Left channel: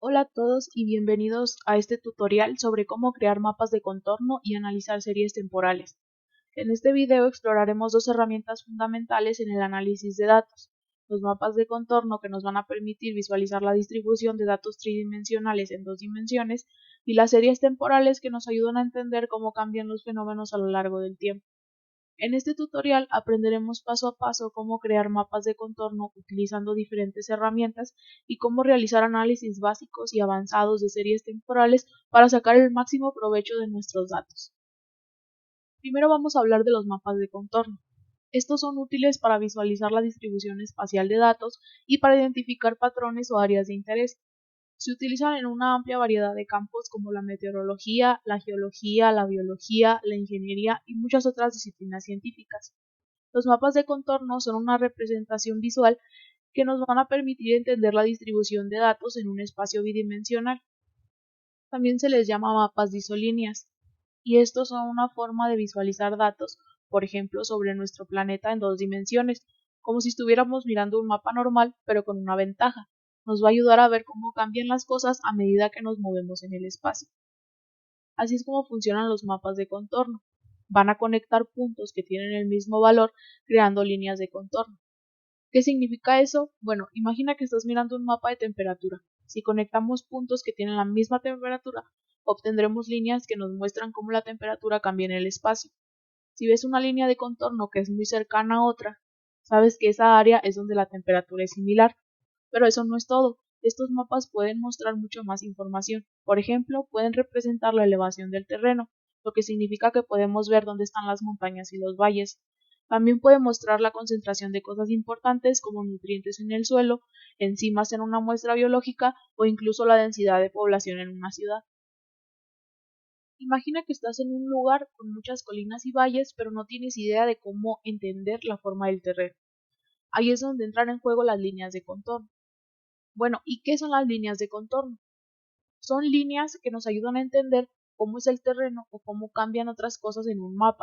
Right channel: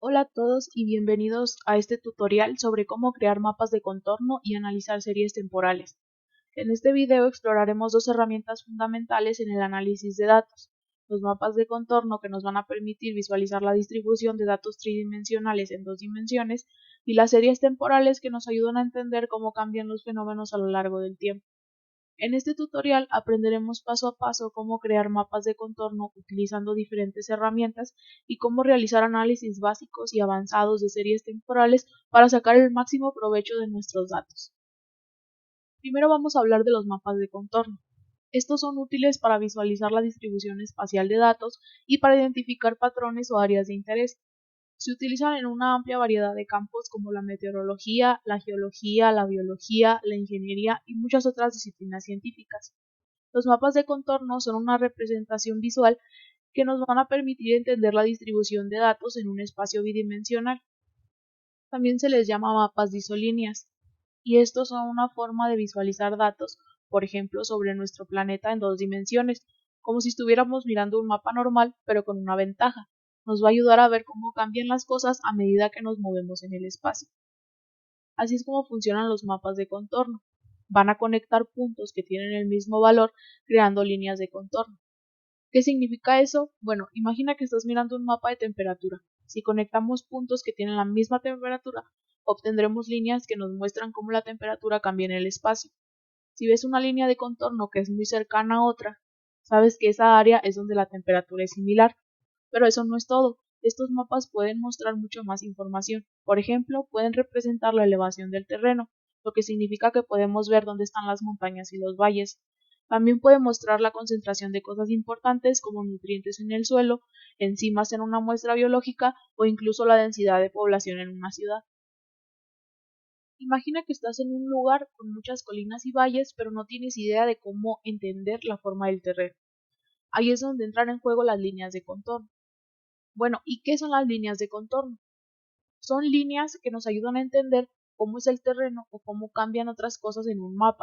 Hola a todos y bienvenidos a este tutorial sobre cómo crear mapas de contorno y analizar series temporales. En este video exploraremos dos herramientas fundamentales en el análisis de datos: los mapas de contorno, que nos van a permitir visualizar la distribución de datos tridimensionales en dos dimensiones, y las series temporales, que nos ayudan a entender cómo cambian los fenómenos a lo largo del tiempo. En este tutorial aprenderemos paso a paso cómo crear mapas de contorno utilizando diferentes herramientas y cómo realizar análisis básicos y avanzados de series temporales para sacar el máximo provecho de nuestros datos. Primero vamos a hablar de los mapas de contorno. Estos son útiles para visualizar la distribución espacial de datos y para identificar patrones o áreas de interés. Se utilizan en una amplia variedad de campos como la meteorología, la geología, la biología, la ingeniería y muchas otras disciplinas científicas. Los mapas de contorno son una representación visual que nos van a permitir entender la distribución de datos en un espacio bidimensional. También se les llama mapas de isolíneas, y estos son una forma de visualizar datos, por ejemplo, sobre nuestro planeta en dos dimensiones, como si estuviéramos mirando un mapa normal, pero con una ventaja. Nos va a ayudar a ver cómo cambian las cosas a medida que nos movemos en el espacio. Así es como funcionan los mapas de contorno. Van a conectar puntos que tienen el mismo valor, creando líneas de contorno. ¿Qué significa eso? Bueno, imagina que estás mirando un mapa de temperatura. Si conectamos puntos que tienen la misma temperatura, obtendremos líneas que nos muestran cómo la temperatura cambia en el espacio. Si ves una línea de contorno que es muy cercana a otra, sabes que esa área es donde la temperatura es similar. Pero eso no es todo. Estos mapas pueden mostrar mucho más información. Por ejemplo, pueden representar la elevación del terreno, lo que significa que podemos ver dónde están las montañas y los valles. También puede mostrar la concentración de cosas importantes como nutrientes en el suelo, enzimas en una muestra biológica o incluso la densidad de población en una ciudad. Imagina que estás en un lugar con muchas colinas y valles, pero no tienes idea de cómo entender la forma del terreno. Ahí es donde entran en juego las líneas de contorno. Bueno, ¿qué son las líneas de contorno? Son líneas que nos ayudan a entender cómo es el terreno y otras cosas en el mapa.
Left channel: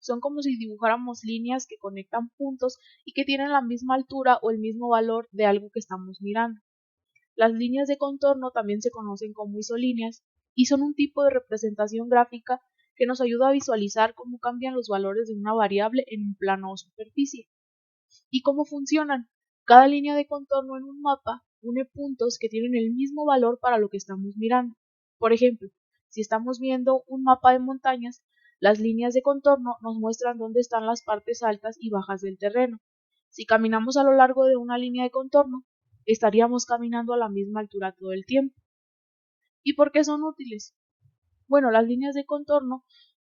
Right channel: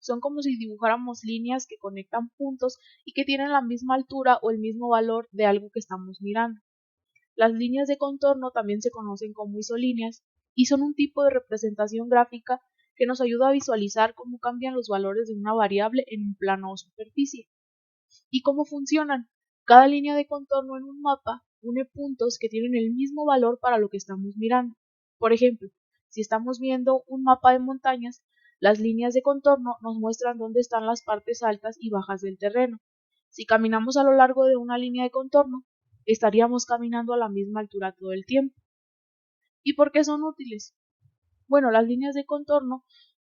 Son como si dibujáramos líneas que conectan puntos y que tienen la misma altura o el mismo valor de algo que estamos mirando. Las líneas de contorno también se conocen como isolíneas y son un tipo de representación gráfica que nos ayuda a visualizar cómo cambian los valores de una variable en un plano o superficie. ¿Y cómo funcionan? Cada línea de contorno en un mapa une puntos que tienen el mismo valor para lo que estamos mirando. Por ejemplo, si estamos viendo un mapa de montañas, las líneas de contorno nos muestran dónde están las partes altas y bajas del terreno. Si caminamos a lo largo de una línea de contorno, estaríamos caminando a la misma altura todo el tiempo. ¿Y por qué son útiles? Bueno, las líneas de contorno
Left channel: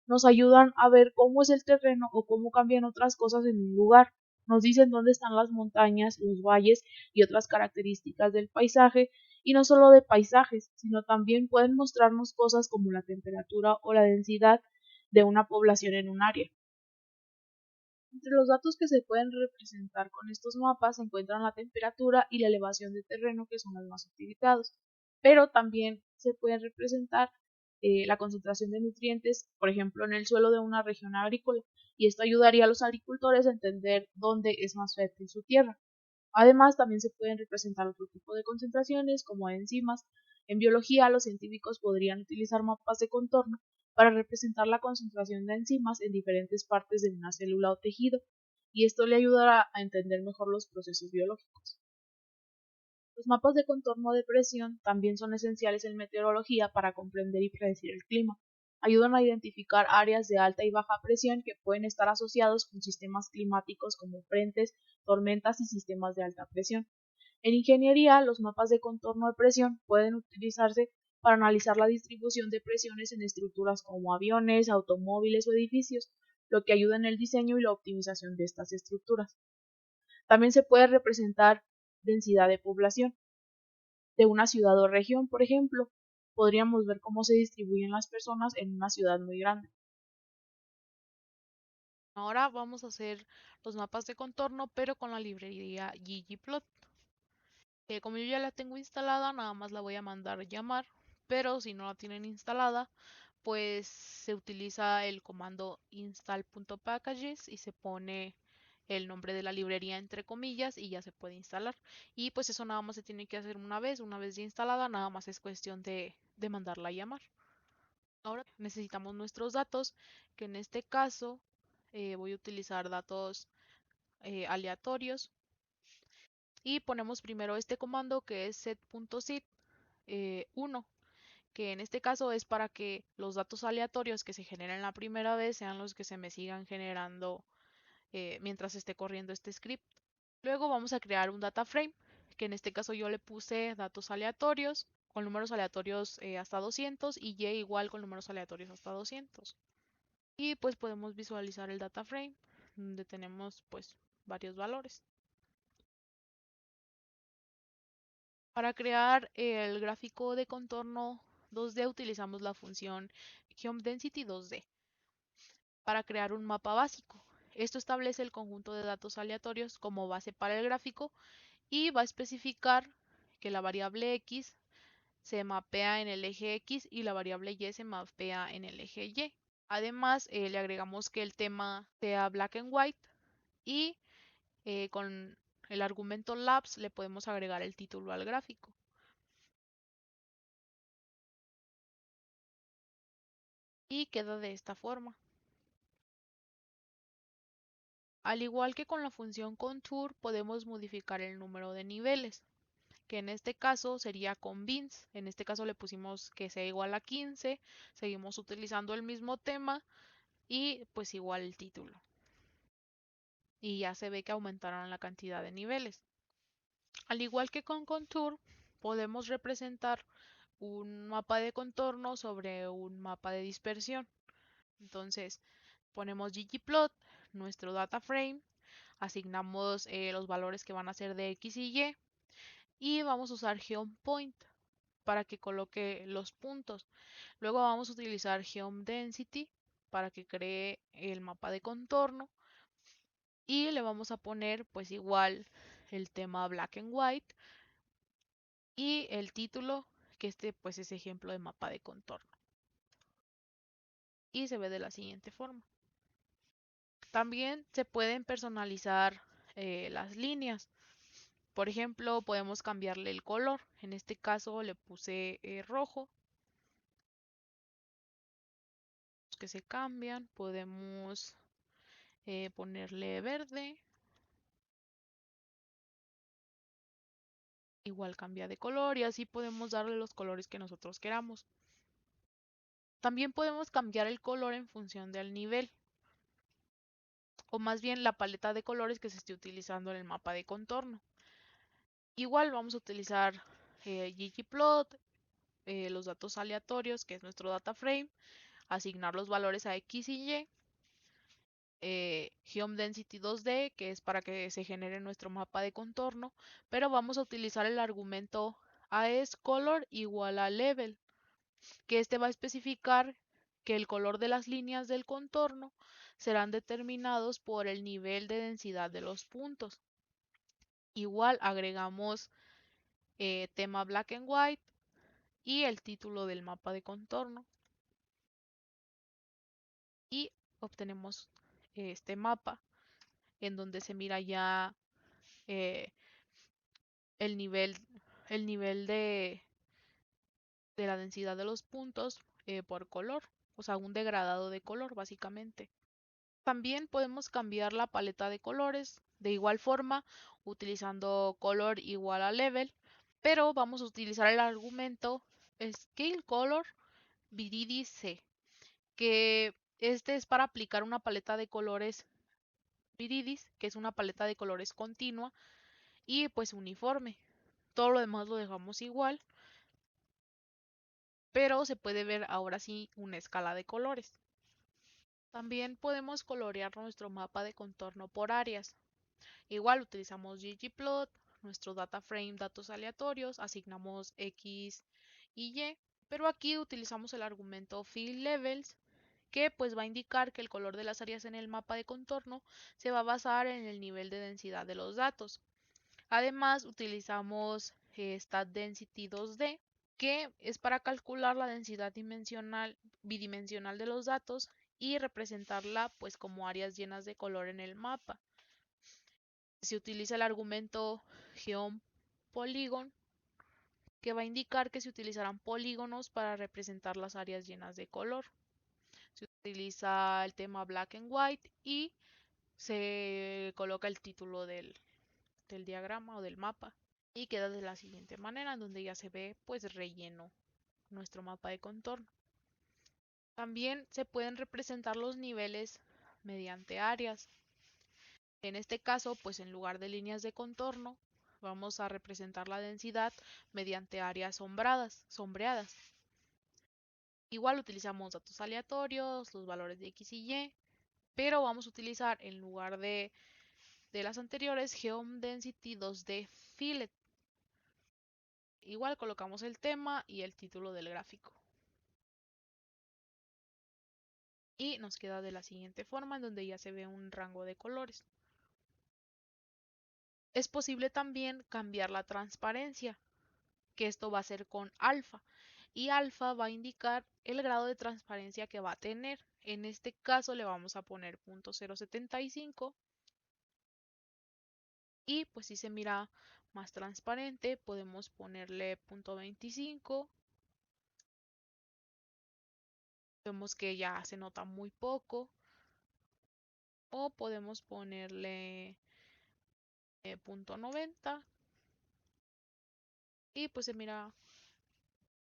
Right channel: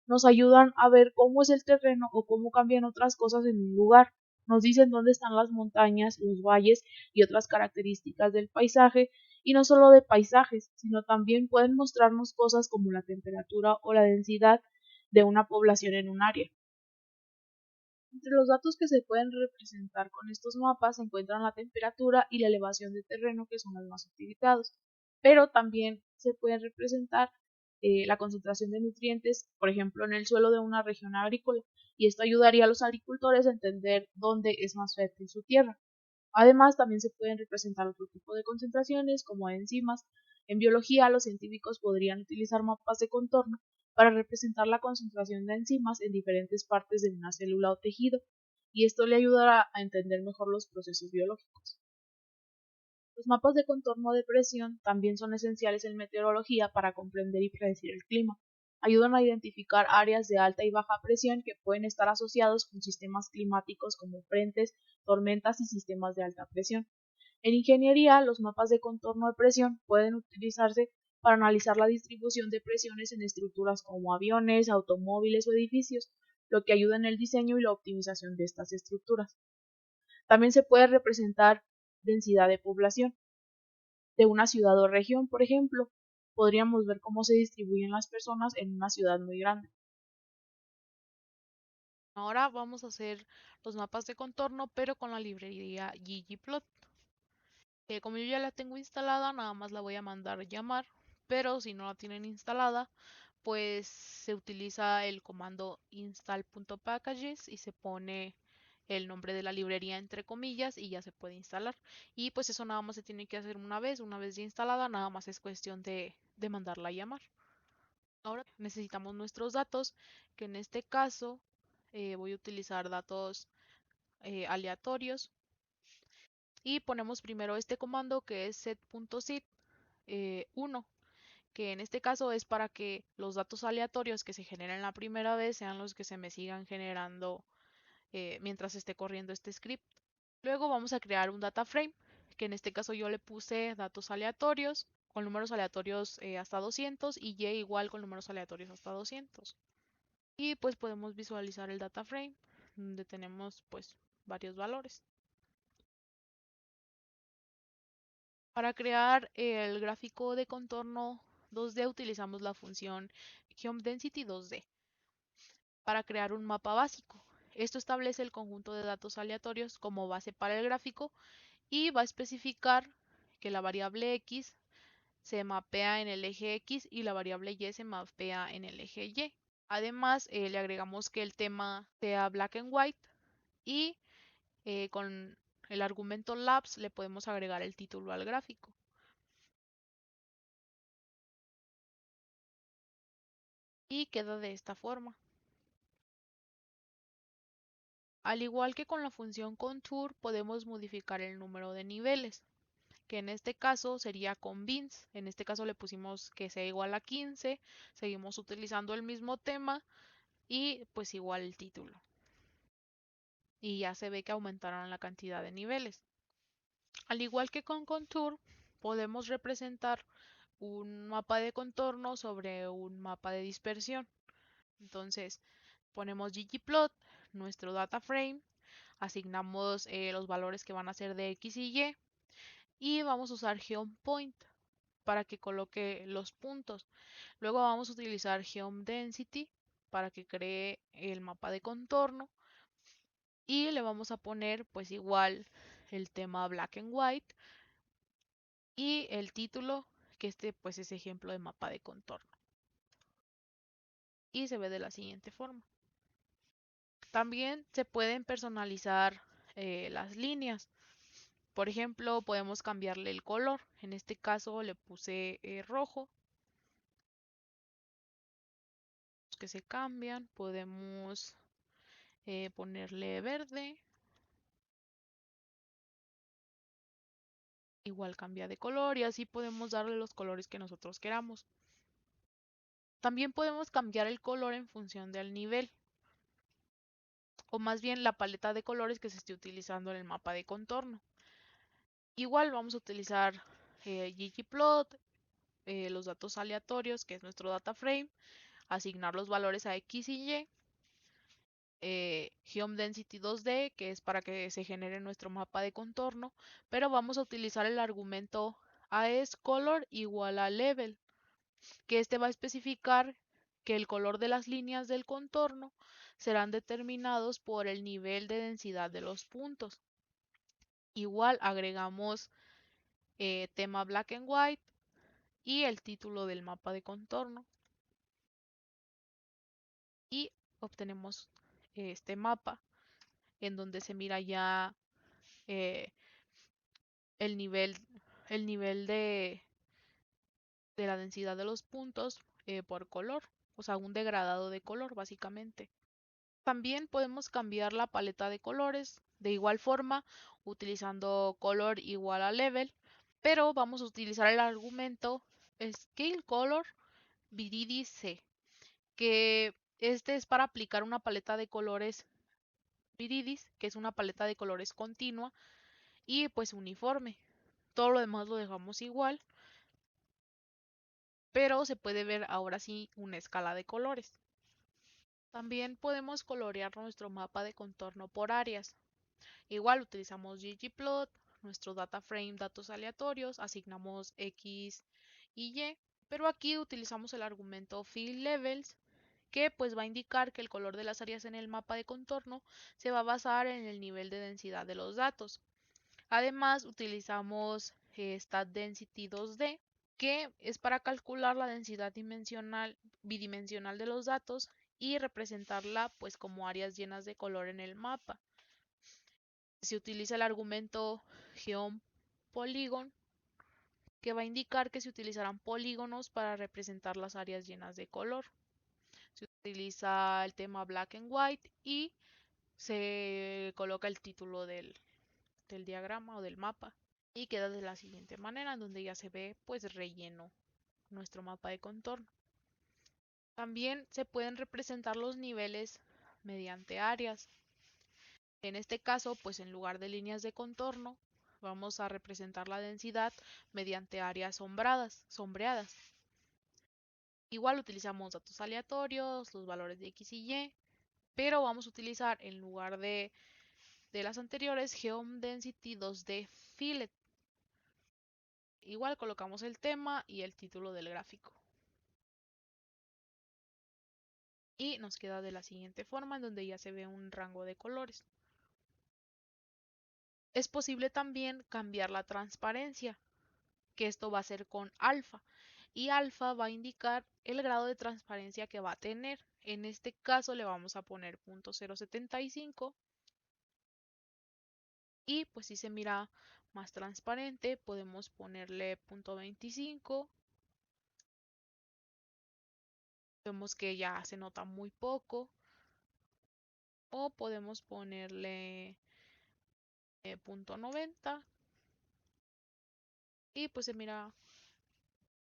nos ayudan a ver cómo es el terreno o cómo cambian otras cosas en un lugar. Nos dicen dónde están las montañas, los valles y otras características del paisaje, y no solo de paisajes, sino también pueden mostrarnos cosas como la temperatura o la densidad de una población en un área. Entre los datos que se pueden representar con estos mapas se encuentran la temperatura y la elevación de terreno, que son los más utilizados, pero también se pueden representar la concentración de nutrientes, por ejemplo, en el suelo de una región agrícola, y esto ayudaría a los agricultores a entender dónde es más fértil su tierra. Además, también se pueden representar otro tipo de concentraciones, como enzimas. En biología, los científicos podrían utilizar mapas de contorno para representar la concentración de enzimas en diferentes partes de una célula o tejido, y esto le ayudaría a entender mejor los procesos biológicos. Los mapas de contorno de presión también son esenciales en meteorología para comprender y predecir el clima. Ayudan a identificar áreas de alta y baja presión que pueden estar asociados con sistemas climáticos como frentes, tormentas y sistemas de alta presión. En ingeniería, los mapas de contorno de presión pueden utilizarse para analizar la distribución de presiones en estructuras como aviones, automóviles o edificios, lo que ayuda en el diseño y la optimización de estas estructuras. También se puede representar densidad de población de una ciudad o región. Por ejemplo, podríamos ver cómo se distribuyen las personas en una ciudad muy grande. Ahora vamos a hacer los mapas de contorno, pero con la librería ggplot. Como yo ya la tengo instalada, nada más la voy a mandar llamar, pero si no la tienen instalada, pues se utiliza el comando install.packages y se pone el nombre de la librería entre comillas y ya se puede instalar. Y pues eso nada más se tiene que hacer una vez ya instalada, nada más es cuestión de mandarla a llamar. Ahora necesitamos nuestros datos, que en este caso voy a utilizar datos aleatorios y ponemos primero este comando que es set.sit 1, que en este caso es para que los datos aleatorios que se generen la primera vez sean los que se me sigan generando mientras esté corriendo este script. Luego vamos a crear un data frame, que en este caso yo le puse datos aleatorios con números aleatorios hasta 200 y y igual con números aleatorios hasta 200. Y pues podemos visualizar el data frame donde tenemos pues varios valores. Para crear el gráfico de contorno 2D utilizamos la función geoDensity 2D para crear un mapa básico. Esto establece el conjunto de datos aleatorios como base para el gráfico y va a especificar que la variable x se mapea en el eje X y la variable Y se mapea en el eje Y. Además, le agregamos que el tema sea black and white y con el argumento labs le podemos agregar el título al gráfico. Y queda de esta forma. Al igual que con la función contour, podemos modificar el número de niveles, que en este caso sería con bins. En este caso le pusimos que sea igual a 15, seguimos utilizando el mismo tema y pues igual el título. Y ya se ve que aumentaron la cantidad de niveles. Al igual que con contour, podemos representar un mapa de contorno sobre un mapa de dispersión. Entonces, ponemos ggplot, nuestro data frame, asignamos los valores que van a ser de x y vamos a usar geoPoint para que coloque los puntos. Luego vamos a utilizar geoDensity para que cree el mapa de contorno y le vamos a poner pues igual el tema black and white y el título que este pues es ejemplo de mapa de contorno y se ve de la siguiente forma. También se pueden personalizar las líneas. Por ejemplo, podemos cambiarle el color. En este caso le puse rojo. Que se cambian. Podemos ponerle verde. Igual cambia de color y así podemos darle los colores que nosotros queramos. También podemos cambiar el color en función del nivel, o más bien la paleta de colores que se esté utilizando en el mapa de contorno. Igual vamos a utilizar ggplot, los datos aleatorios, que es nuestro data frame, asignar los valores a x y y, geoDensity 2D, que es para que se genere nuestro mapa de contorno, pero vamos a utilizar el argumento AESColor igual a level, que este va a especificar que el color de las líneas del contorno serán determinados por el nivel de densidad de los puntos. Igual agregamos tema black and white y el título del mapa de contorno y obtenemos este mapa en donde se mira ya eh, el nivel, el nivel de la densidad de los puntos por color, o sea, un degradado de color básicamente. También podemos cambiar la paleta de colores de igual forma utilizando color igual a level, pero vamos a utilizar el argumento scale color viridis c, que este es para aplicar una paleta de colores viridis, que es una paleta de colores continua y pues uniforme. Todo lo demás lo dejamos igual, pero se puede ver ahora sí una escala de colores. También podemos colorear nuestro mapa de contorno por áreas. Igual utilizamos ggplot, nuestro data frame, datos aleatorios, asignamos x y y, pero aquí utilizamos el argumento fillLevels, que pues va a indicar que el color de las áreas en el mapa de contorno se va a basar en el nivel de densidad de los datos. Además utilizamos statDensity 2D, que es para calcular la densidad bidimensional de los datos y representarla pues como áreas llenas de color en el mapa. Se utiliza el argumento geoPolygon, que va a indicar que se utilizarán polígonos para representar las áreas llenas de color. Se utiliza el tema black and white y se coloca el título del diagrama o del mapa. Y queda de la siguiente manera, en donde ya se ve pues relleno nuestro mapa de contorno. También se pueden representar los niveles mediante áreas. En este caso, pues en lugar de líneas de contorno, vamos a representar la densidad mediante áreas sombreadas. Igual utilizamos datos aleatorios, los valores de X y Y, pero vamos a utilizar en lugar de las anteriores Geom Density 2D Fillet. Igual colocamos el tema y el título del gráfico. Y nos queda de la siguiente forma, en donde ya se ve un rango de colores. Es posible también cambiar la transparencia, que esto va a ser con alfa. Y alfa va a indicar el grado de transparencia que va a tener. En este caso le vamos a poner 0.075. Y pues si se mira más transparente, podemos ponerle 0.25. Vemos que ya se nota muy poco. O podemos ponerle 0.90. Y pues se mira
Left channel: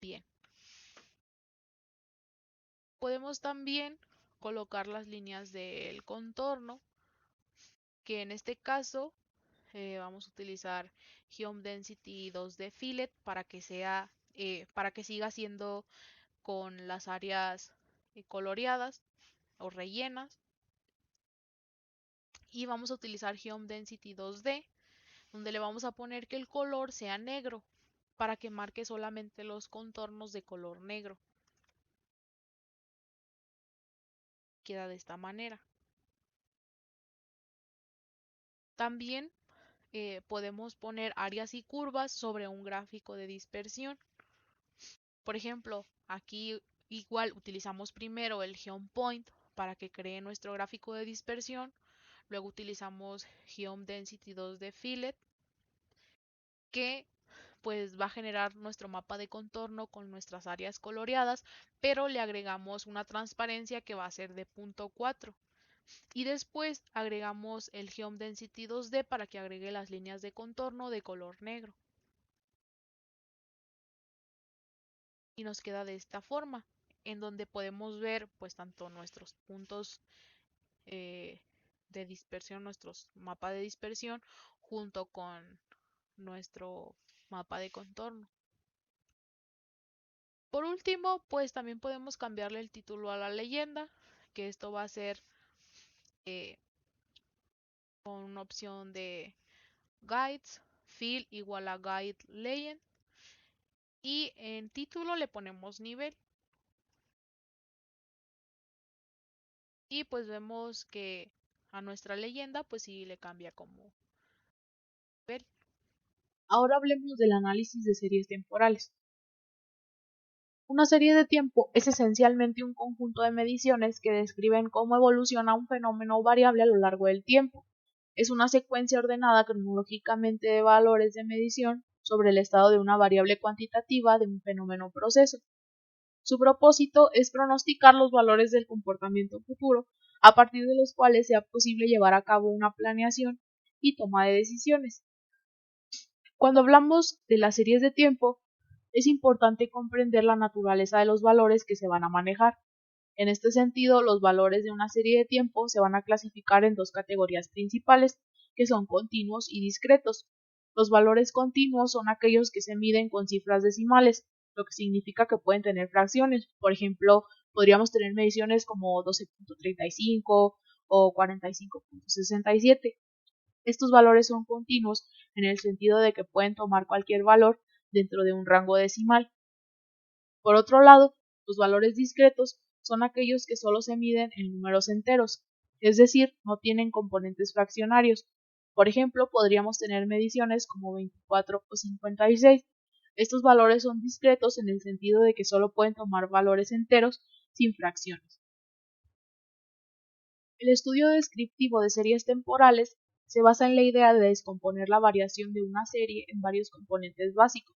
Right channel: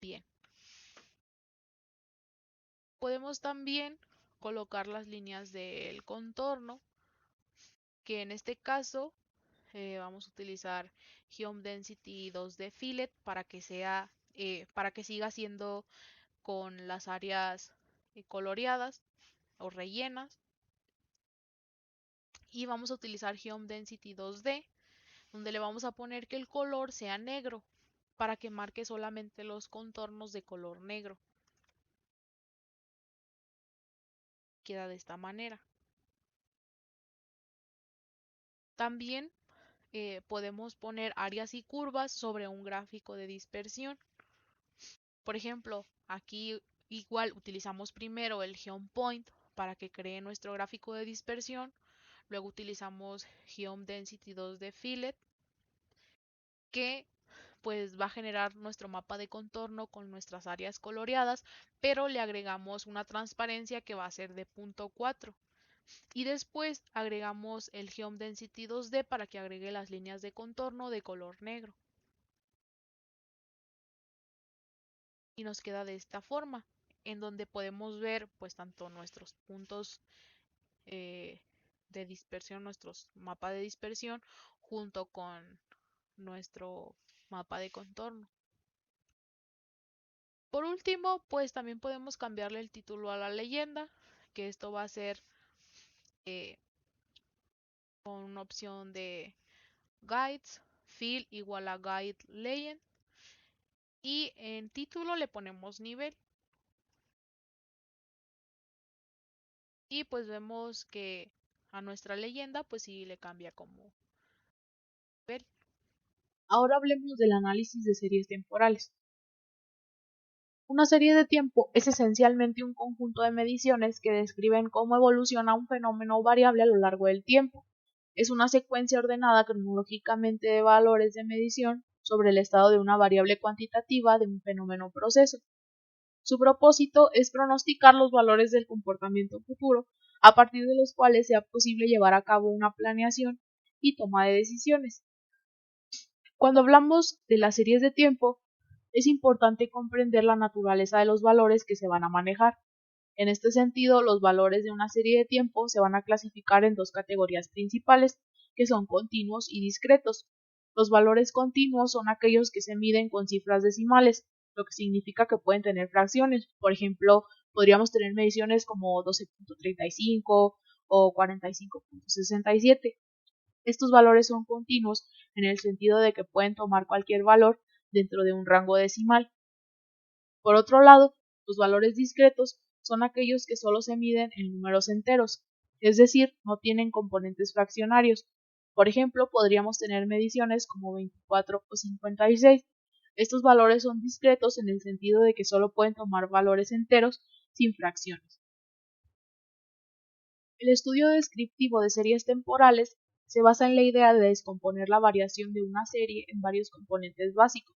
bien. Podemos también colocar las líneas del contorno, que en este caso vamos a utilizar Geom Density 2D Fillet para que siga siendo con las áreas coloreadas o rellenas. Y vamos a utilizar Geom Density 2D, donde le vamos a poner que el color sea negro, para que marque solamente los contornos de color negro. Queda de esta manera. También podemos poner áreas y curvas sobre un gráfico de dispersión. Por ejemplo, aquí igual utilizamos primero el GeoPoint para que cree nuestro gráfico de dispersión. Luego utilizamos Geom Density 2D Fillet, que pues va a generar nuestro mapa de contorno con nuestras áreas coloreadas, pero le agregamos una transparencia que va a ser de 0.4. Y después agregamos el Geom Density 2D para que agregue las líneas de contorno de color negro. Y nos queda de esta forma, en donde podemos ver pues tanto nuestros puntos eh, de dispersión, nuestros mapas de dispersión, junto con nuestro mapa de contorno. Por último, pues también podemos cambiarle el título a la leyenda, que esto va a ser eh, con una opción de guides, fill igual a guide lane, y en título le ponemos nivel. Y pues vemos que a nuestra leyenda pues sí le cambia como nivel. Ahora hablemos del análisis de series temporales. Una serie de tiempo es esencialmente un conjunto de mediciones que describen cómo evoluciona un fenómeno o variable a lo largo del tiempo. Es una secuencia ordenada cronológicamente de valores de medición sobre el estado de una variable cuantitativa de un fenómeno o proceso. Su propósito es pronosticar los valores del comportamiento futuro, a partir de los cuales sea posible llevar a cabo una planeación y toma de decisiones. Cuando hablamos de las series de tiempo, es importante comprender la naturaleza de los valores que se van a manejar. En este sentido, los valores de una serie de tiempo se van a clasificar en dos categorías principales, que son continuos y discretos. Los valores continuos son aquellos que se miden con cifras decimales, lo que significa que pueden tener fracciones. Por ejemplo, podríamos tener mediciones como 12.35 o 45.67. Estos valores son continuos en el sentido de que pueden tomar cualquier valor dentro de un rango decimal. Por otro lado, los valores discretos son aquellos que solo se miden en números enteros, es decir, no tienen componentes fraccionarios. Por ejemplo, podríamos tener mediciones como 24 o 56. Estos valores son discretos en el sentido de que solo pueden tomar valores enteros sin fracciones. El estudio descriptivo de series temporales se basa en la idea de descomponer la variación de una serie en varios componentes básicos.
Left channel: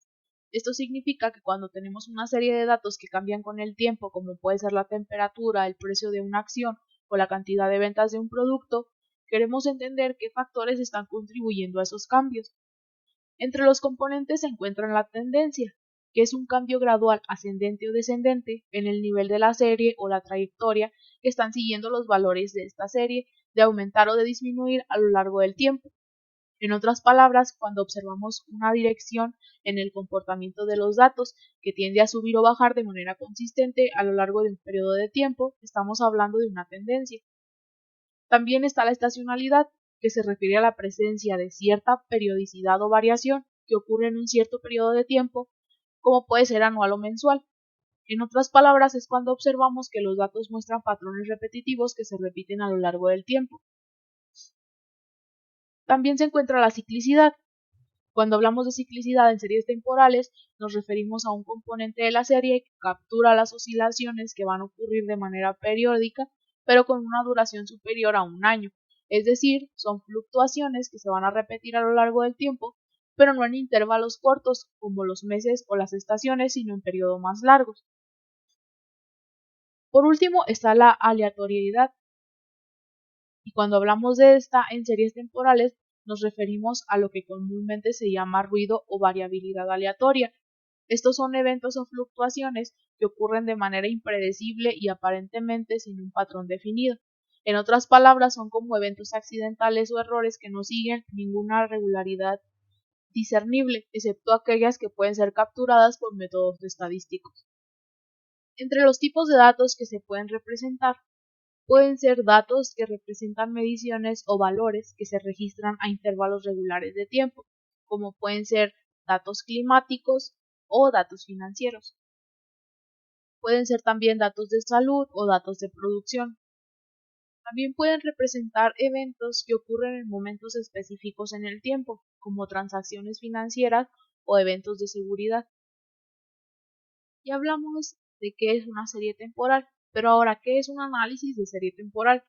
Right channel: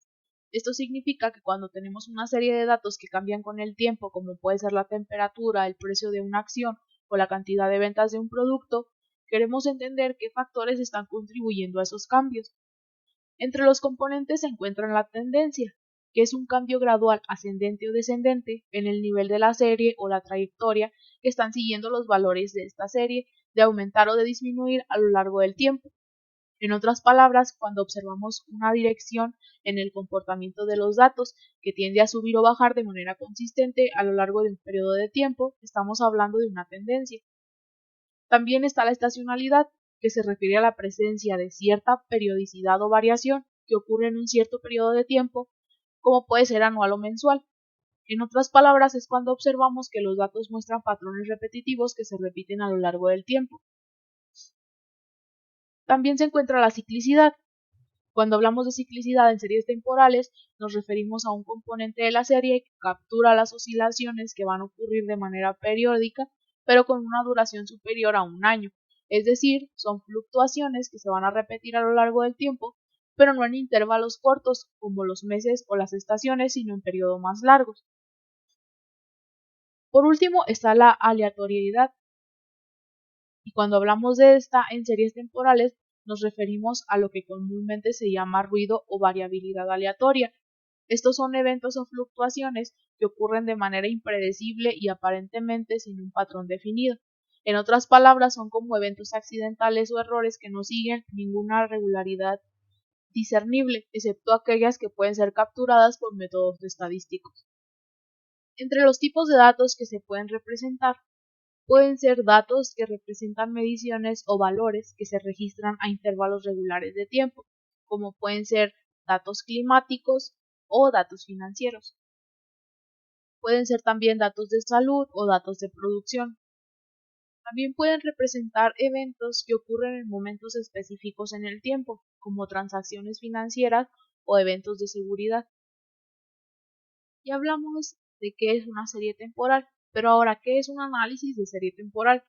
Esto significa que cuando tenemos una serie de datos que cambian con el tiempo, como puede ser la temperatura, el precio de una acción o la cantidad de ventas de un producto, queremos entender qué factores están contribuyendo a esos cambios. Entre los componentes se encuentran la tendencia, que es un cambio gradual ascendente o descendente en el nivel de la serie o la trayectoria que están siguiendo los valores de esta serie, de aumentar o de disminuir a lo largo del tiempo. En otras palabras, cuando observamos una dirección en el comportamiento de los datos que tiende a subir o bajar de manera consistente a lo largo de un periodo de tiempo, estamos hablando de una tendencia. También está la estacionalidad, que se refiere a la presencia de cierta periodicidad o variación que ocurre en un cierto periodo de tiempo, como puede ser anual o mensual. En otras palabras, es cuando observamos que los datos muestran patrones repetitivos que se repiten a lo largo del tiempo. También se encuentra la ciclicidad. Cuando hablamos de ciclicidad en series temporales, nos referimos a un componente de la serie que captura las oscilaciones que van a ocurrir de manera periódica, pero con una duración superior a un año. Es decir, son fluctuaciones que se van a repetir a lo largo del tiempo, pero no en intervalos cortos como los meses o las estaciones, sino en periodos más largos. Por último está la aleatoriedad, y cuando hablamos de esta en series temporales, nos referimos a lo que comúnmente se llama ruido o variabilidad aleatoria. Estos son eventos o fluctuaciones que ocurren de manera impredecible y aparentemente sin un patrón definido. En otras palabras, son como eventos accidentales o errores que no siguen ninguna regularidad discernible, excepto aquellas que pueden ser capturadas por métodos. Entre los tipos de datos que se pueden representar, pueden ser datos que representan mediciones o valores que se registran a intervalos regulares de tiempo, como pueden ser datos climáticos o datos financieros. Pueden ser también datos de salud o datos de producción. También pueden representar eventos que ocurren en momentos específicos en el tiempo, como transacciones financieras o eventos de seguridad. Ya hablamos de qué es una serie temporal, pero ahora, ¿qué es un análisis de serie temporal?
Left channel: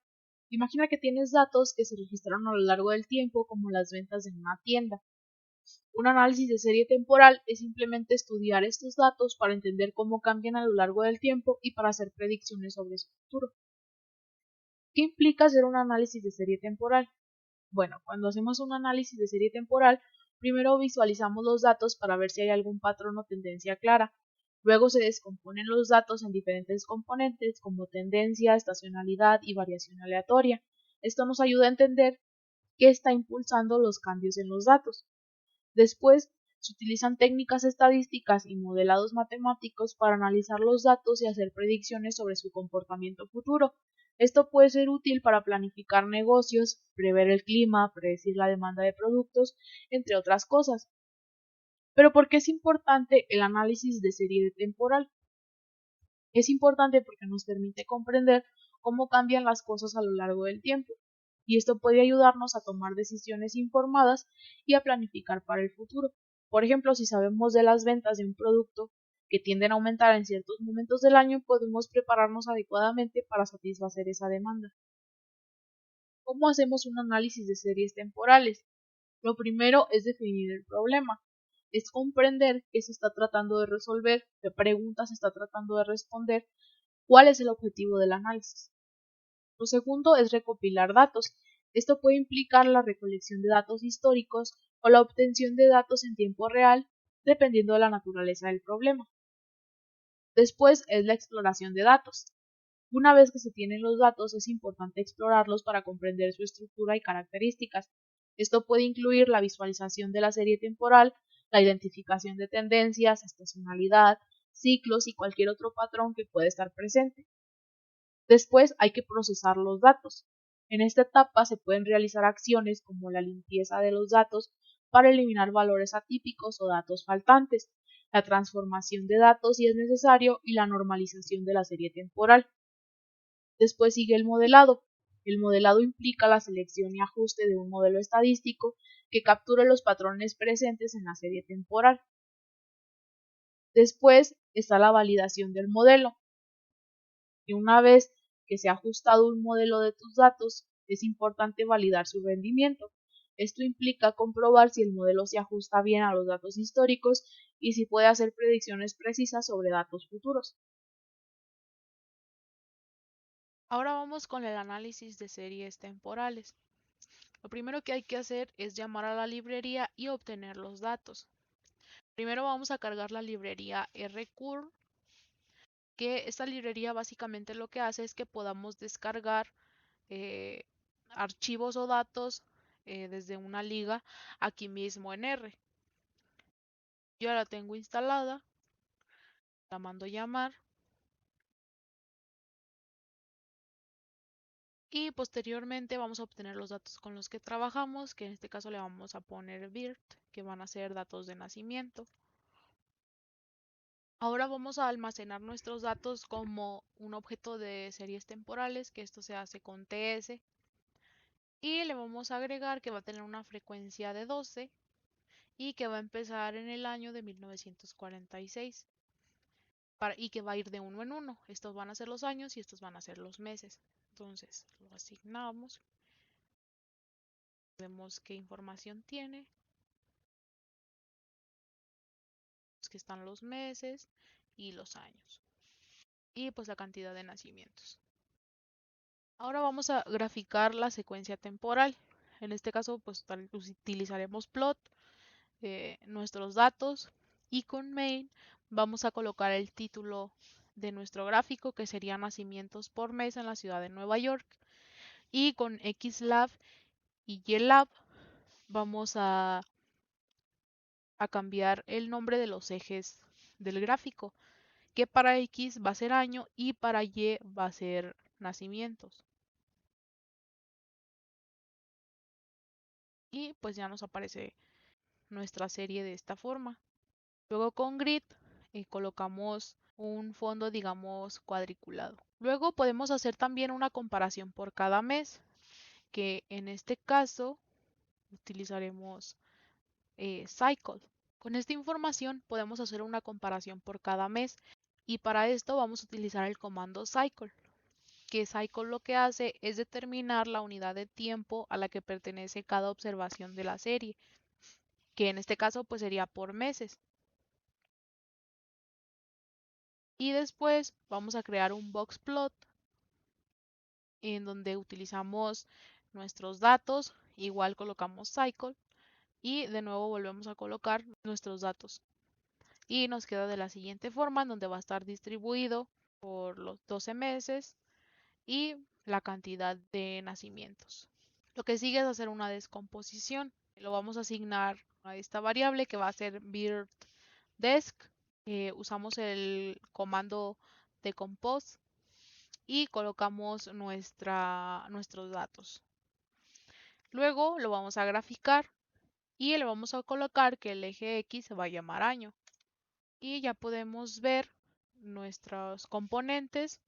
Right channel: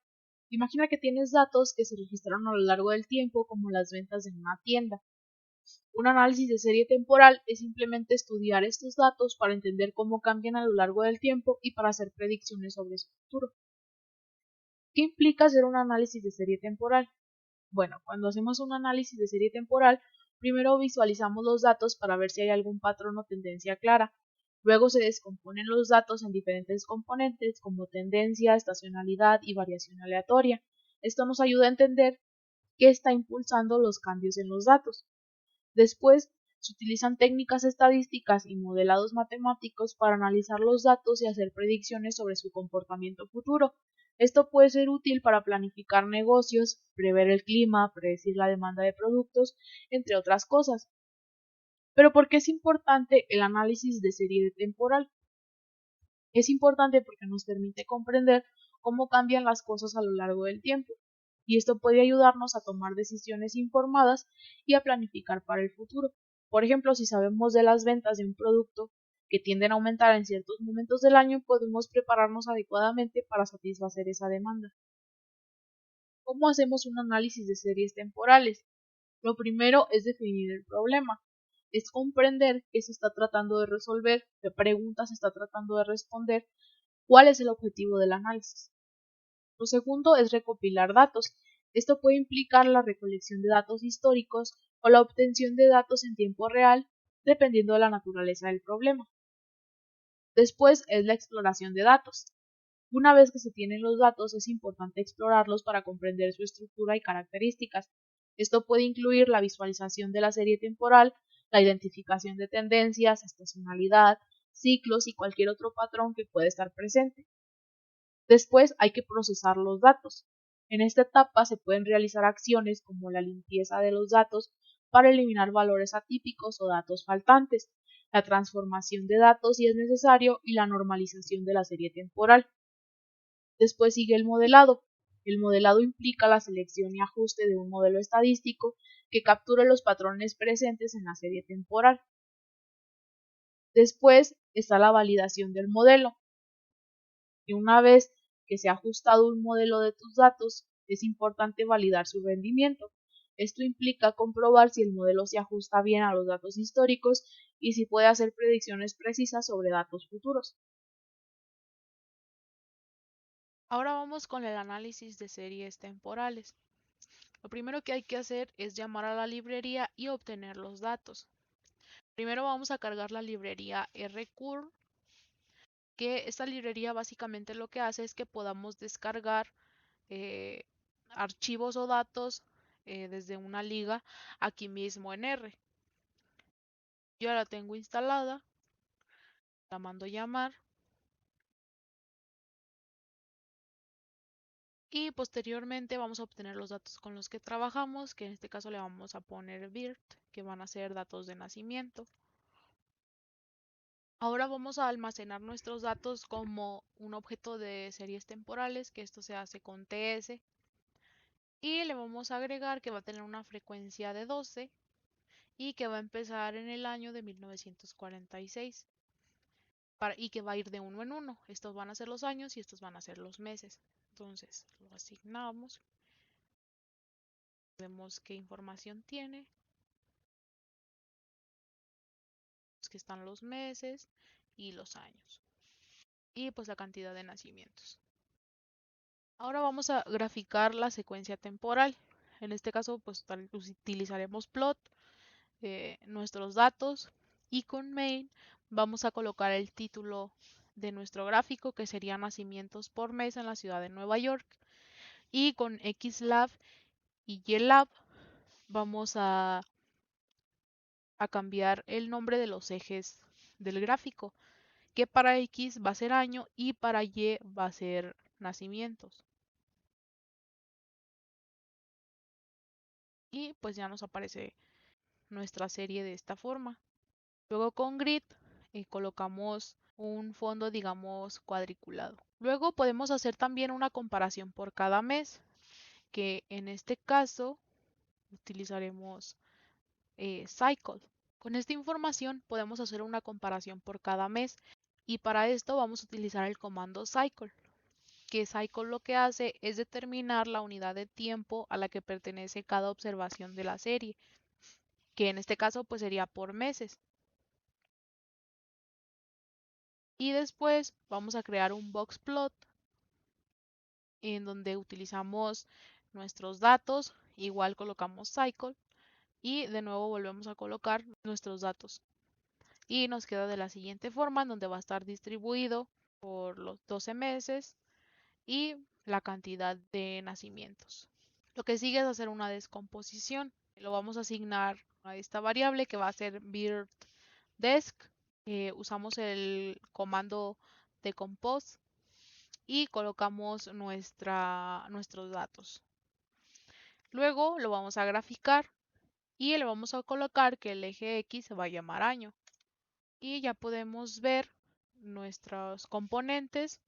Imagina que tienes datos que se registraron a lo largo del tiempo, como las ventas en una tienda. Un análisis de serie temporal es simplemente estudiar estos datos para entender cómo cambian a lo largo del tiempo y para hacer predicciones sobre su futuro. ¿Qué implica hacer un análisis de serie temporal? Bueno, cuando hacemos un análisis de serie temporal, primero visualizamos los datos para ver si hay algún patrón o tendencia clara. Luego se descomponen los datos en diferentes componentes como tendencia, estacionalidad y variación aleatoria. Esto nos ayuda a entender qué está impulsando los cambios en los datos. Después, se utilizan técnicas estadísticas y modelados matemáticos para analizar los datos y hacer predicciones sobre su comportamiento futuro. Esto puede ser útil para planificar negocios, prever el clima, predecir la demanda de productos, entre otras cosas. Pero ¿por qué es importante el análisis de serie temporal? Es importante porque nos permite comprender cómo cambian las cosas a lo largo del tiempo, y esto puede ayudarnos a tomar decisiones informadas y a planificar para el futuro. Por ejemplo, si sabemos de las ventas de un producto que tienden a aumentar en ciertos momentos del año, podemos prepararnos adecuadamente para satisfacer esa demanda. ¿Cómo hacemos un análisis de series temporales? Lo primero es definir el problema. Es comprender qué se está tratando de resolver, qué preguntas se está tratando de responder, cuál es el objetivo del análisis. Lo segundo es recopilar datos. Esto puede implicar la recolección de datos históricos o la obtención de datos en tiempo real, dependiendo de la naturaleza del problema. Después es la exploración de datos. Una vez que se tienen los datos, es importante explorarlos para comprender su estructura y características. Esto puede incluir la visualización de la serie temporal, la identificación de tendencias, estacionalidad, ciclos y cualquier otro patrón que pueda estar presente. Después hay que procesar los datos. En esta etapa se pueden realizar acciones como la limpieza de los datos para eliminar valores atípicos o datos faltantes, la transformación de datos si es necesario y la normalización de la serie temporal. Después sigue el modelado. El modelado implica la selección y ajuste de un modelo estadístico que capture los patrones presentes en la serie temporal. Después está la validación del modelo. Y una vez que se ha ajustado un modelo de tus datos, es importante validar su rendimiento. Esto implica comprobar si el modelo se ajusta bien a los datos históricos y si puede hacer predicciones precisas sobre datos futuros. Ahora vamos con el análisis de series temporales. Lo primero que hay que hacer es llamar a la librería y obtener los datos. Primero vamos a cargar la librería rcurl, que esta librería básicamente lo que hace es que podamos descargar eh, archivos o datos desde una liga aquí mismo en R. Yo ya la tengo instalada, la mando llamar y posteriormente vamos a obtener los datos con los que trabajamos, que en este caso le vamos a poner BIRT, que van a ser datos de nacimiento. Ahora vamos a almacenar nuestros datos como un objeto de series temporales, que esto se hace con TS, y le vamos a agregar que va a tener una frecuencia de 12 y que va a empezar en el año de 1946 y que va a ir de uno en uno. Estos van a ser los años y estos van a ser los meses. Entonces lo asignamos, vemos qué información tiene, que están los meses y los años y pues la cantidad de nacimientos. Ahora vamos a graficar la secuencia temporal. En este caso pues utilizaremos plot, nuestros datos, y con main vamos a colocar el título de nuestro gráfico, que sería nacimientos por mes en la ciudad de Nueva York, y con xlab y ylab vamos a cambiar el nombre de los ejes del gráfico, que para X va a ser año y para Y va a ser nacimientos. Y pues ya nos aparece nuestra serie de esta forma. Luego con grid colocamos un fondo, digamos, cuadriculado. Luego podemos hacer también una comparación por cada mes, que en este caso utilizaremos cycle. Con esta información podemos hacer una comparación por cada mes y para esto vamos a utilizar el comando cycle, que cycle lo que hace es determinar la unidad de tiempo a la que pertenece cada observación de la serie, que en este caso pues sería por meses. Y después vamos a crear un boxplot en donde utilizamos nuestros datos, igual colocamos cycle y de nuevo volvemos a colocar nuestros datos. Y nos queda de la siguiente forma, en donde va a estar distribuido por los 12 meses y la cantidad de nacimientos. Lo que sigue es hacer una descomposición. Lo vamos a asignar a esta variable que va a ser birtDesc. Usamos el comando decompose y colocamos nuestros datos. Luego lo vamos a graficar y le vamos a colocar que el eje X se va a llamar año. Y ya podemos ver nuestros componentes,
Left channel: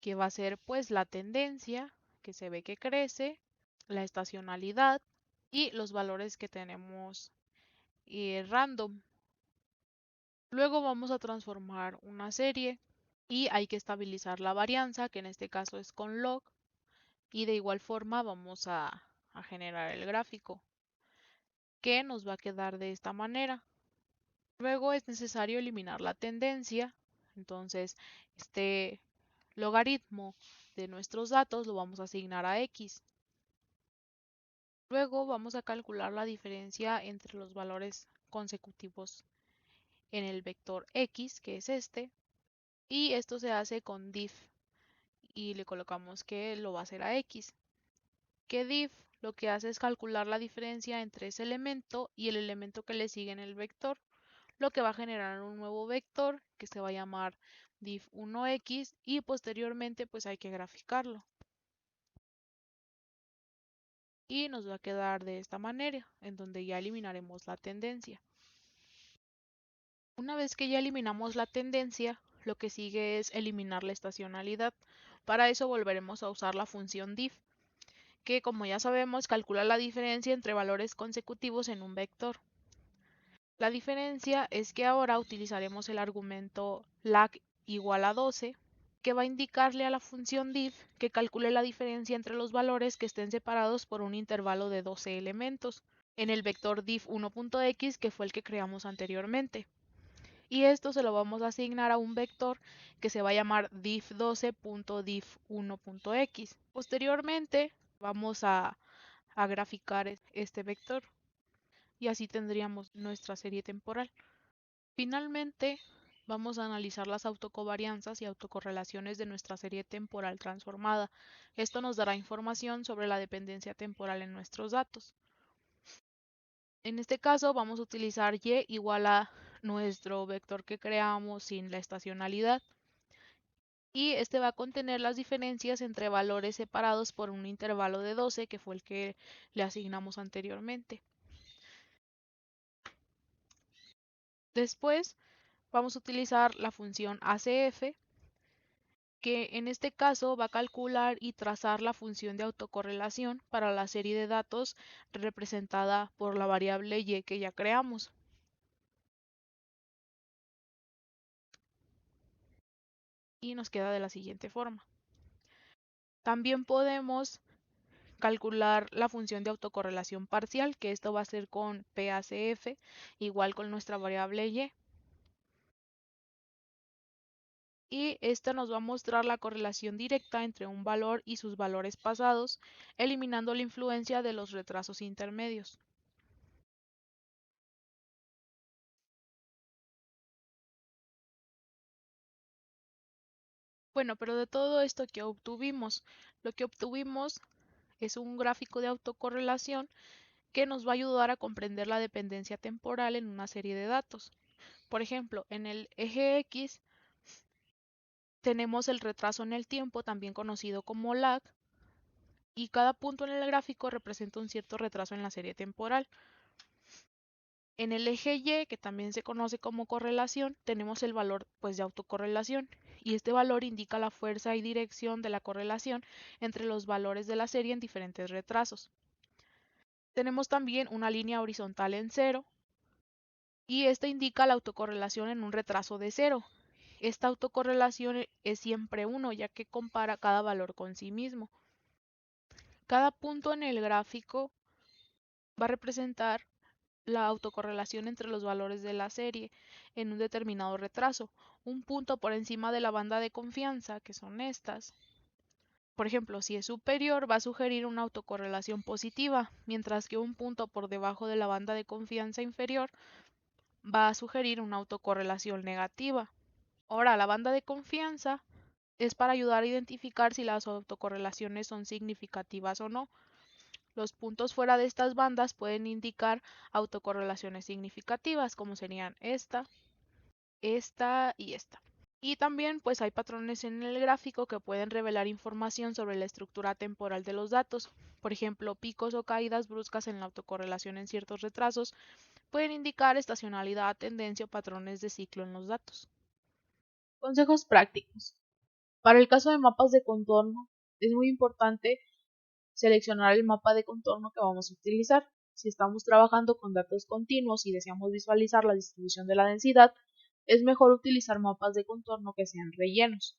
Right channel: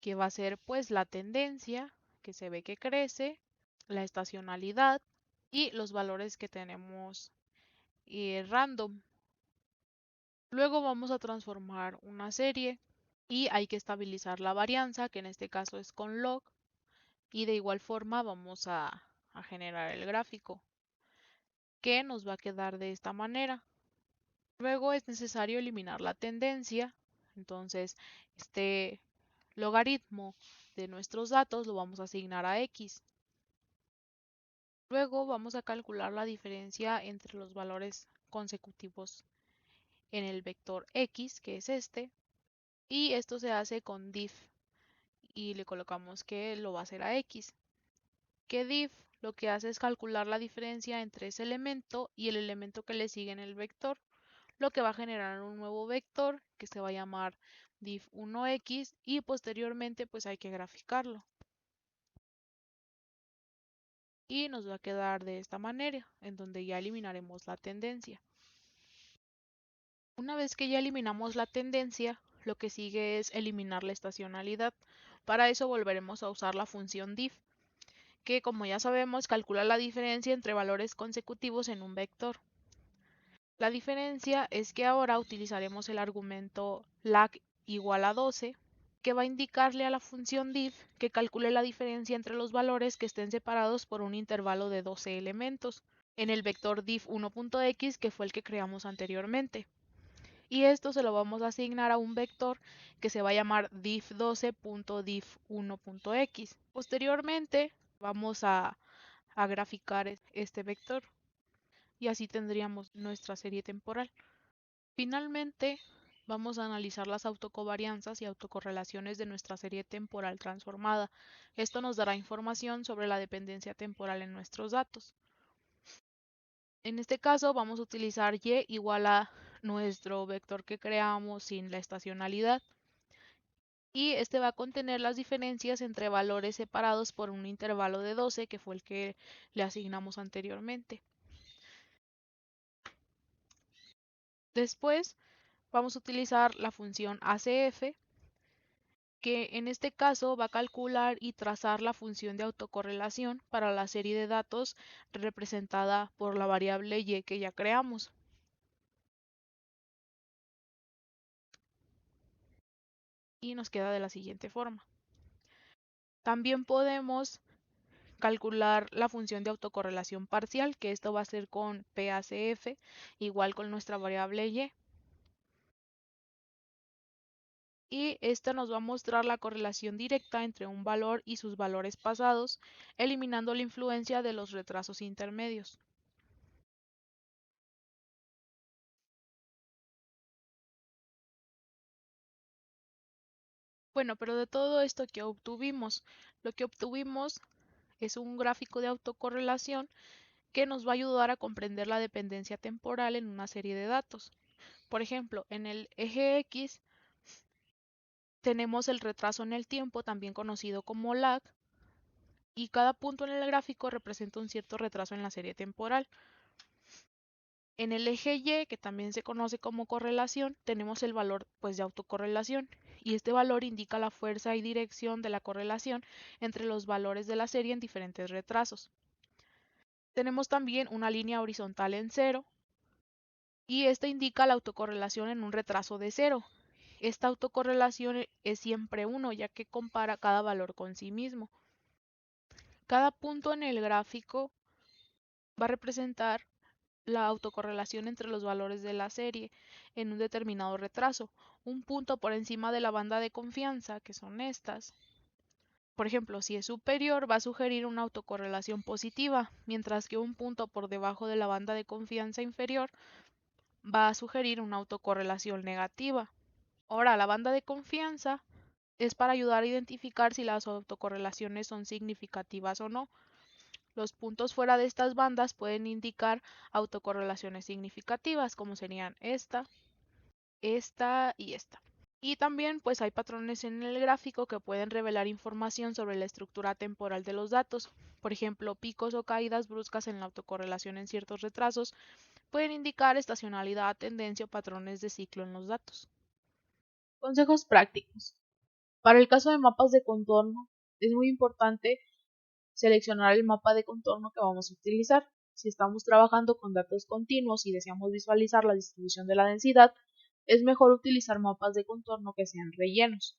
que va a ser pues la tendencia, que se ve que crece, la estacionalidad y los valores que tenemos random. Luego vamos a transformar una serie y hay que estabilizar la varianza, que en este caso es con log, y de igual forma vamos a generar el gráfico, que nos va a quedar de esta manera. Luego es necesario eliminar la tendencia, entonces este logaritmo de nuestros datos lo vamos a asignar a x. Luego vamos a calcular la diferencia entre los valores consecutivos en el vector x, que es este, y esto se hace con diff y le colocamos que lo va a hacer a x. Que diff lo que hace es calcular la diferencia entre ese elemento y el elemento que le sigue en el vector, lo que va a generar un nuevo vector que se va a llamar diff1x y posteriormente pues hay que graficarlo. Y nos va a quedar de esta manera, en donde ya eliminaremos la tendencia. Una vez que ya eliminamos la tendencia, lo que sigue es eliminar la estacionalidad. Para eso volveremos a usar la función diff, que como ya sabemos calcula la diferencia entre valores consecutivos en un vector. La diferencia es que ahora utilizaremos el argumento lag igual a 12 que va a indicarle a la función diff que calcule la diferencia entre los valores que estén separados por un intervalo de 12 elementos en el vector diff1.x, que fue el que creamos anteriormente. Y esto se lo vamos a asignar a un vector que se va a llamar diff12.diff1.x. Posteriormente vamos a graficar este vector y así tendríamos nuestra serie temporal. Finalmente, vamos a analizar las autocovarianzas y autocorrelaciones de nuestra serie temporal transformada. Esto nos dará información sobre la dependencia temporal en nuestros datos. En este caso vamos a utilizar y igual a nuestro vector que creamos sin la estacionalidad. Y este va a contener las diferencias entre valores separados por un intervalo de 12, que fue el que le asignamos anteriormente. Después vamos a utilizar la función ACF, que en este caso va a calcular y trazar la función de autocorrelación para la serie de datos representada por la variable y que ya creamos. Y nos queda de la siguiente forma. También podemos calcular la función de autocorrelación parcial, que esto va a ser con PACF, igual con nuestra variable y. Y esta nos va a mostrar la correlación directa entre un valor y sus valores pasados, eliminando la influencia de los retrasos intermedios. Bueno, pero de todo esto que obtuvimos, lo que obtuvimos es un gráfico de autocorrelación que nos va a ayudar a comprender la dependencia temporal en una serie de datos. Por ejemplo, en el eje X tenemos el retraso en el tiempo, también conocido como lag, y cada punto en el gráfico representa un cierto retraso en la serie temporal. En el eje Y, que también se conoce como correlación, tenemos el valor de autocorrelación, y este valor indica la fuerza y dirección de la correlación entre los valores de la serie en diferentes retrasos. Y este indica la autocorrelación en un retraso de 0. Esta autocorrelación es siempre 1, ya que compara cada valor con sí mismo. Cada punto en el gráfico va a representar la autocorrelación entre los valores de la serie en un determinado retraso. Un punto por encima de la banda de confianza, que son estas. Por ejemplo, si es superior, va a sugerir una autocorrelación positiva, mientras que un punto por debajo de la banda de confianza inferior va a sugerir una autocorrelación negativa. Ahora, la banda de confianza es para ayudar a identificar si las autocorrelaciones son significativas o no. Los puntos fuera de estas bandas pueden indicar autocorrelaciones significativas, como serían esta y esta. Y también hay patrones en el gráfico que pueden revelar información sobre la estructura temporal de los datos. Por ejemplo, picos o caídas bruscas en la autocorrelación en ciertos retrasos pueden indicar estacionalidad, tendencia o patrones de ciclo en los datos. Consejos prácticos. Para el caso de mapas de contorno, es muy importante seleccionar el mapa de contorno que vamos a utilizar. Si estamos trabajando con datos continuos y deseamos visualizar la distribución de la densidad, es mejor utilizar mapas de contorno que sean rellenos.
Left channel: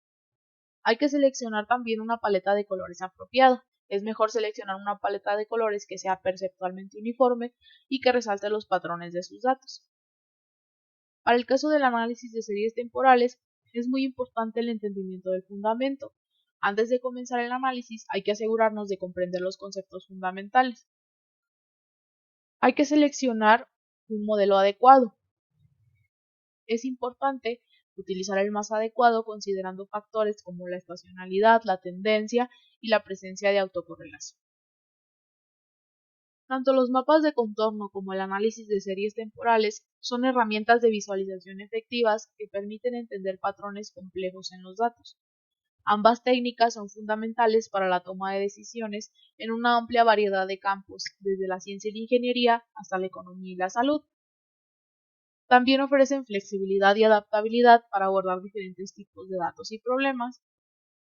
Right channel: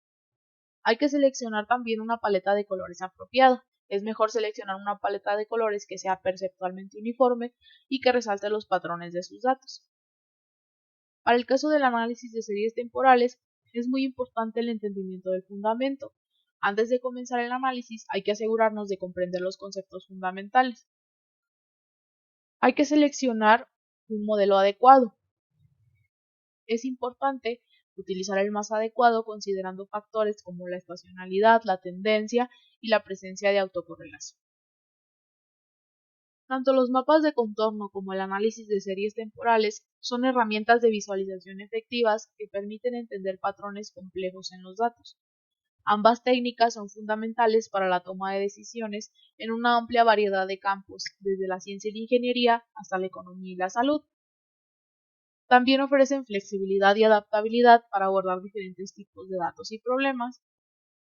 Hay que seleccionar también una paleta de colores apropiada. Es mejor seleccionar una paleta de colores que sea perceptualmente uniforme y que resalte los patrones de sus datos. Para el caso del análisis de series temporales, es muy importante el entendimiento del fundamento. Antes de comenzar el análisis, hay que asegurarnos de comprender los conceptos fundamentales. Hay que seleccionar un modelo adecuado. Es importante utilizar el más adecuado considerando factores como la estacionalidad, la tendencia y la presencia de autocorrelación. Tanto los mapas de contorno como el análisis de series temporales son herramientas de visualización efectivas que permiten entender patrones complejos en los datos. Ambas técnicas son fundamentales para la toma de decisiones en una amplia variedad de campos, desde la ciencia y la ingeniería hasta la economía y la salud. También ofrecen flexibilidad y adaptabilidad para abordar diferentes tipos de datos y problemas,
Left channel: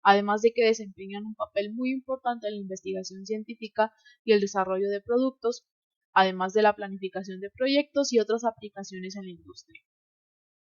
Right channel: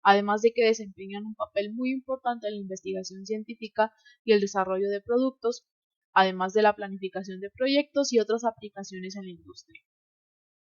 además de que desempeñan un papel muy importante en la investigación científica y el desarrollo de productos, además de la planificación de proyectos y otras aplicaciones en la industria.